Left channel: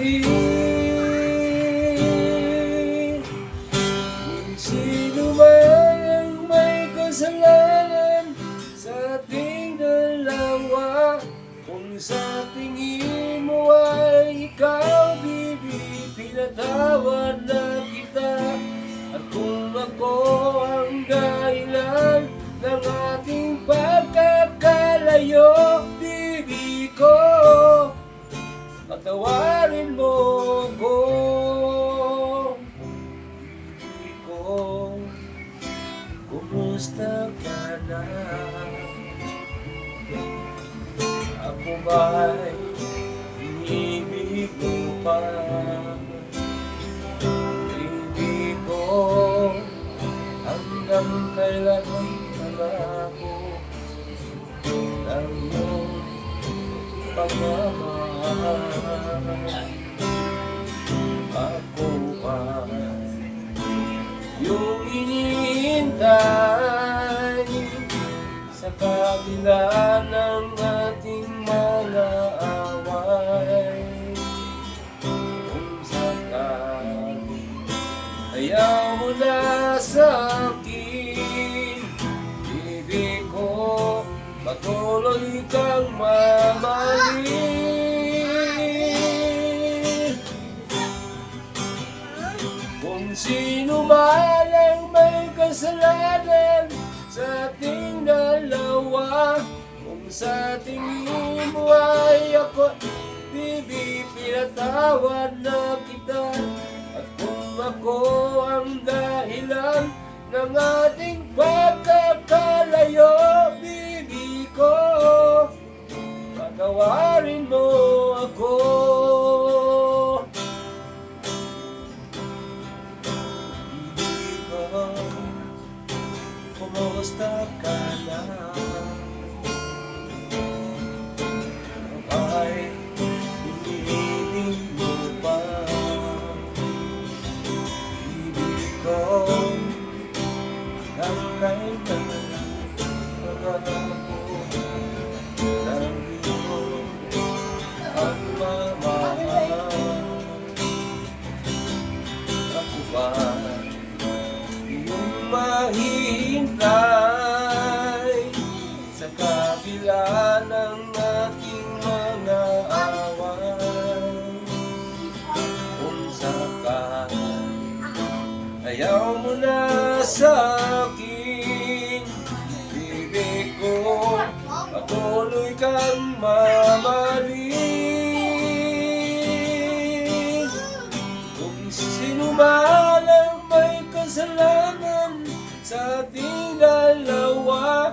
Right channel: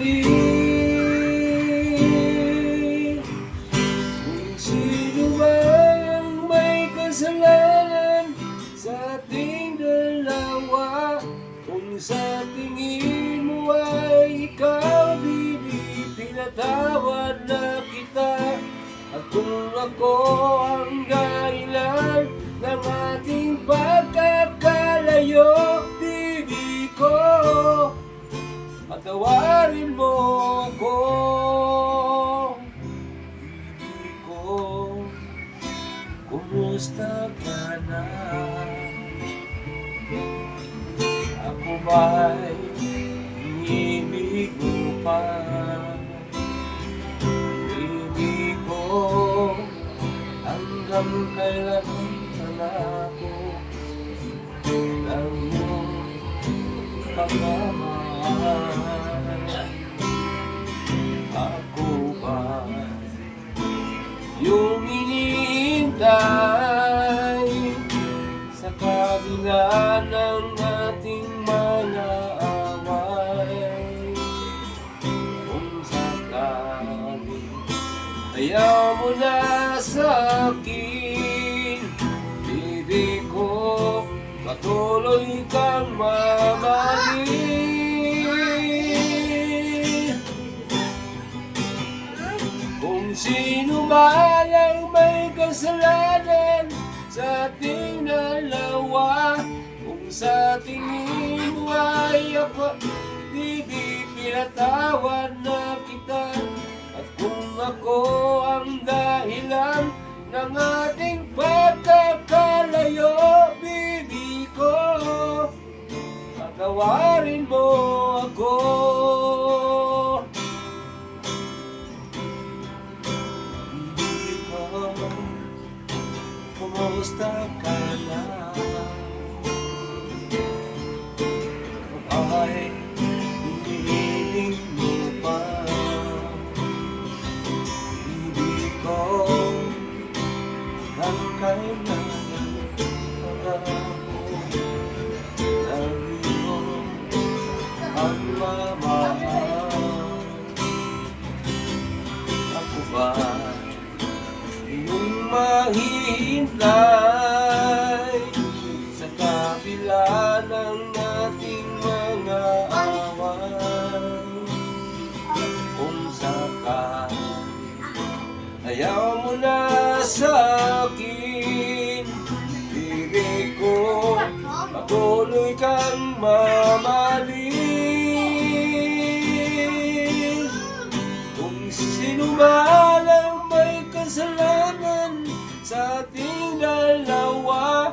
mali. Kung sino man ang may kasalanan sa ating dalawa, kung sa tingin mo ay ikaw, baby, pinatawad na kita. At kung ako ang dahilan ng ating pagkakalayo, baby ko, patawarin mo ko. Baby ko, kumusta ka na? Ako ba'y inibig mo pa? Baby ko, hanggang kailan ako ng iyong pagmamahal? Ako ba yung iniintay sa kabila ng ating mga away? Kung sakali ayaw mo na sa akin, baby ko, patuloy kang mamahalin. Kung sino man ang may kasalanan sa ating dalawa, kung sa tingin mo ay ako, baby, pinatawad na kita. At kung ako ang dahilan ng ating pagkakalayo, baby ko, patawarin mo ako. Baby ko, kumusta ka na? Ay, hinihiling mo pa? Baby ko, hanggang kailan ako ng iyong pagmamahal? Ako ba yung mahihintay sa kabila ng ating mga away? Kung sakali ayaw mo na sa akin, baby ko, patuloy kang mamahalin. Kung sino man ang may kasalanan sa ating dalawa,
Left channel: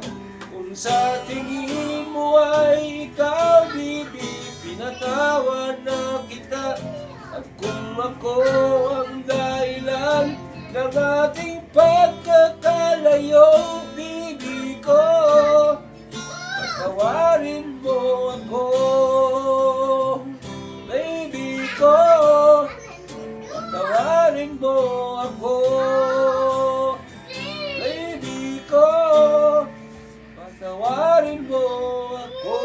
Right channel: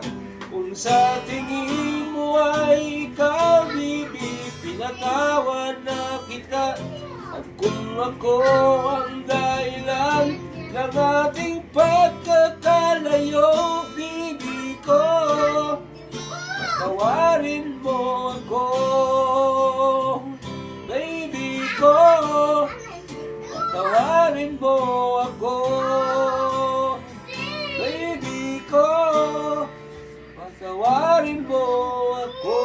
kung sa tingin mo ay ikaw, baby, pinatawad na kita. At kung ako ang dahilan ng ating pagkakalayo, baby ko, patawarin mo ako. Baby ko, patawarin mo ako. Baby ko, patawarin mo ako.